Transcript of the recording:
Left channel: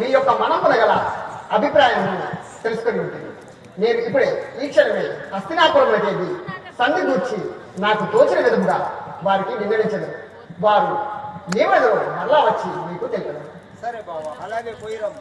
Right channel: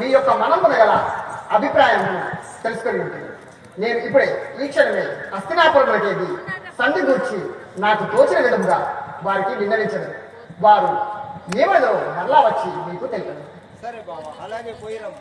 మీ యొక్క మనమున గల అభిప్రాయం తెలుసుకొని ఉంటుంది. నేను ఇప్పుడే ఈ క్షణమే హస్తినాపురంలోకి సంధి గూర్చి నాకు తోచిన విధంగా వారికి వివరించదు. వారు ఏమదో మరలా వచ్చి మీకు తెలియదు. సరే బాబా, అలాగే పోయిరాము.